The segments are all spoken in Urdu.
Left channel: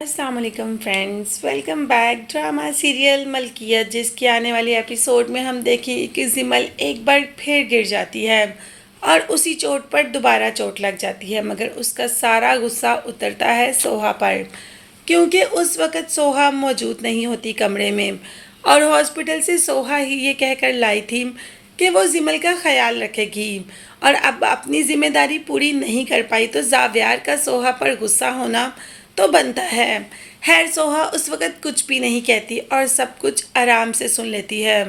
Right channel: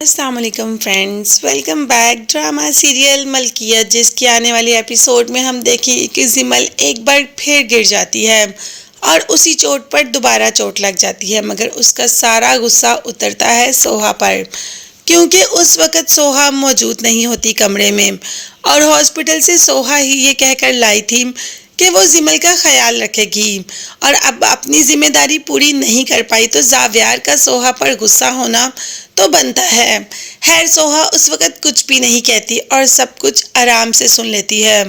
السلام علیکم friends, welcome back drama serial ملکیت، جس کی آنے والی ایپیسوڈ میں ہم دیکھیں کہ زمل ایک بار پھر گر جاتی ہے اور اسی چوٹ پر دوبارہ چوٹ لگ جاتی ہے، مگر اس کا سارا غصہ اترتا ہے سوہا پر، کیونکہ اس وقت سوہا موجود نہیں ہوتی کمرے میں، اور ہاسپٹل سے سوہا ہی یہ کہہ کر لائی تھی کہ وہ زمل کا خیال رکھے گی، اور اب اپنی ذمہ داری پوری نہیں کر پائی تو زاویار کا سوہا پر غصہ ہونا تو بنتا ہے۔ خیر سوہا اس وقت کچھ بھی نہیں کہتی اور سب کچھ آرام سے سن لیتی ہے،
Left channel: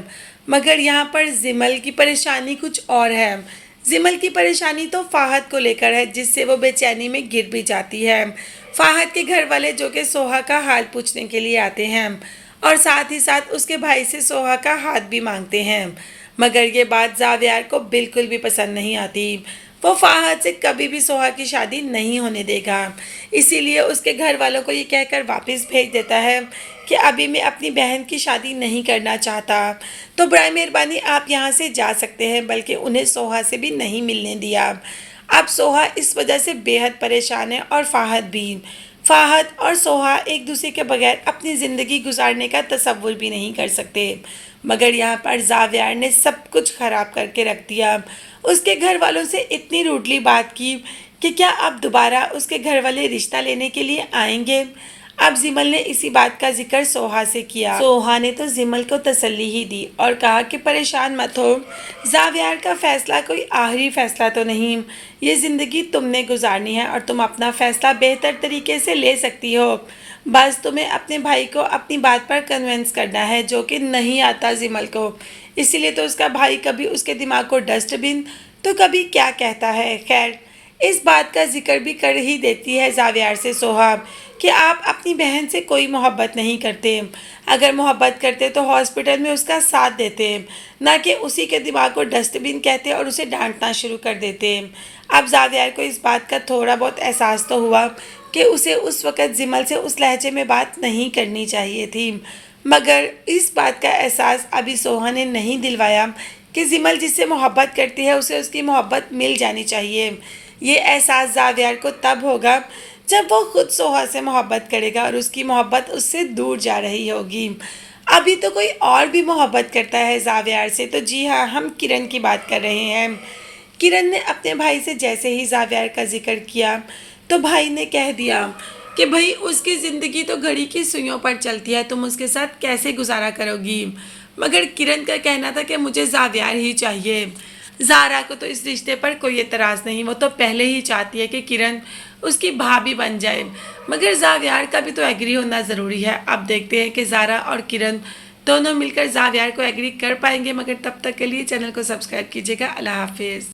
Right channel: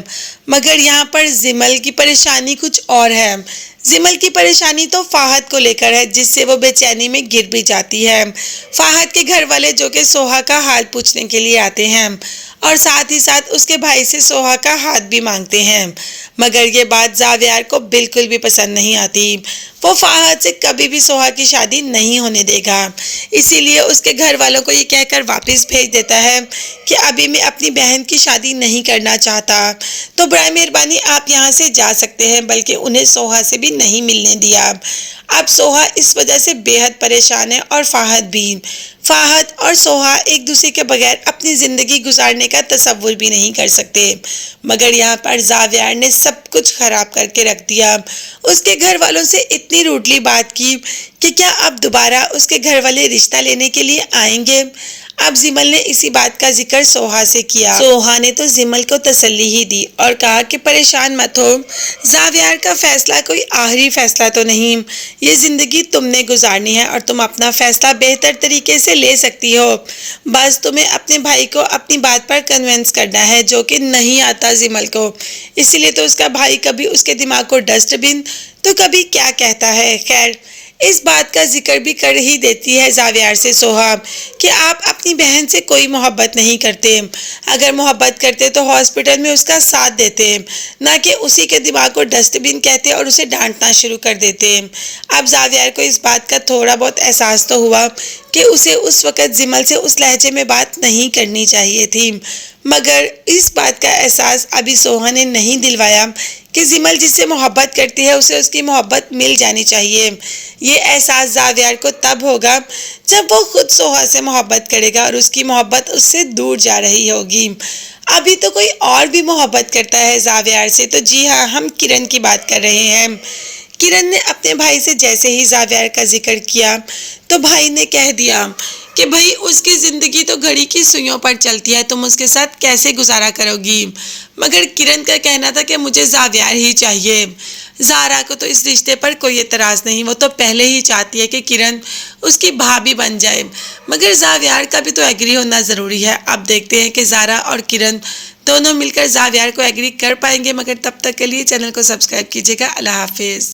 مگر یہاں پر زمل کی پریشانی کچھ اور ہے۔ زمل کی پریشانی تو فہد کو لے کر ہے، جس سے وہ بے چینی میں گر بھی جاتی ہے۔ فہد کے گھر والے جو کہ سوہا کا حال پوچھنے کے لیے آتے ہیں اور ساتھ ہی ساتھ اس کے بھائی سے سوہا کا ہاتھ بھی مانگتے ہیں، مگر یہ بات زاویار کو بالکل بھی پسند نہیں آتی۔ وہ فہد سے کبھی بھی سوہا کی شادی نہیں ہونے دے گا، اسی لیے اس کے گھر والوں کو یہ کہہ کر واپس بھیج دیتا ہے کہ ابھی میں اپنی بہن کی شادی نہیں کرنا چاہتا، تو برائے مہربانی آپ یہاں سے جا سکتے ہیں، بلکہ انہیں سوہا سے بھی نہیں ملنے دیا۔ اب سوہا اس وجہ سے بے حد پریشان ہے اور فہد بھی۔ فہد اور سوہا ایک دوسرے کے بغیر اپنی زندگی گزارنے کا تصور بھی نہیں کر سکتے، مگر یہاں پر زاویار نے سب کچھ خراب کر کے رکھ دیا۔ اس کے گھر والوں سے اتنی روڈلی بات کی کہ کیا اب دوبارہ اس کے گھر والے رشتہ لینے کے لیے آئیں گے؟ اب زمل نے اسی بات کا ذکر سوہا سے کیا۔ سوہا نے تو زمل کو تسلی ہی دی اور کہا کہ پریشان مت ہو، زاویار کا فیصلہ کوئی آخری فیصلہ تو نہیں، یہ زندگی تم نے گزارنی ہے اور تم اپنا فیصلہ بہتر طریقے سے لے سکتی ہو، بس تمہیں اپنے بھائی کو اپنی بات پر کنونس کرنا ہے، جو کہ نہیں آتا زمل کو، اسی لیے تو اس کا بھائی کبھی اس کے دماغ کو ڈسٹ بن تو کبھی کیا کہتا ہے۔ خیر اس بات کا ذکر بھی کر ہی دیتی ہے زاویار سے سوہا کہ آپ اپنی بہن سے کوئی محبت نہیں کرتے، اگر محبت کرتے تو ہاسپٹل میں اس کا ساتھ دیتے، نہ کہ اسی کے دماغ کو ڈسٹ بن کہتے اور اسے ڈانٹنا شروع کر دیتے۔ اب زاویار کو اس بات کا تھوڑا بہت احساس تو ہوا کہ اسے اس وقت زمل سے اس لہجے میں بات نہیں کرنی چاہیے تھی، مگر اس بات کا احساس ابھی سوہا نے نہیں دلوایا کہ زمل جس سے محبت کرتی ہے اسے اس کی محبت مل جانی چاہیے۔ یہ احساس زاویار کو تب ہوگا جب وہ خود سوہا سے محبت کرے گا اور اس کی محبت اس سے دور جا رہی ہوگی۔ ابھی تو کوئی اور بھی محبت کرتا ہے زاویار سے، تو جی ہاں، ہم کرن کی بات کر رہے ہیں۔ کرن نے اپنے بھائی سے جیسے ہی زاویار کا ذکر کیا تو بھائی نے کہہ دیا کہ بھائی اس کی زندگی تو گھڑی کی سوئیوں پر چلتی ہے، تم اس کے ساتھ کیسے گزارا کرو گی؟ مگر کرن کا کہنا تھا کہ مجھے زاویار ہی چاہیے۔ زارا کو تو اس رشتے پر کوئی اعتراض نہیں، وہ تو پہلے ہی چاہتی ہے کہ کرن اس کی بھابھی بن جائے، مگر زاویار کا بھی تو ایگری ہونا ضروری ہے۔ اب دیکھتے ہیں کہ زارا اور کرن دونوں مل کر زاویار کو ایگری کر پائیں گے، مگر تب تک کے لیے چینل کو سبسکرائب کیجیے گا۔ اللہ حافظ۔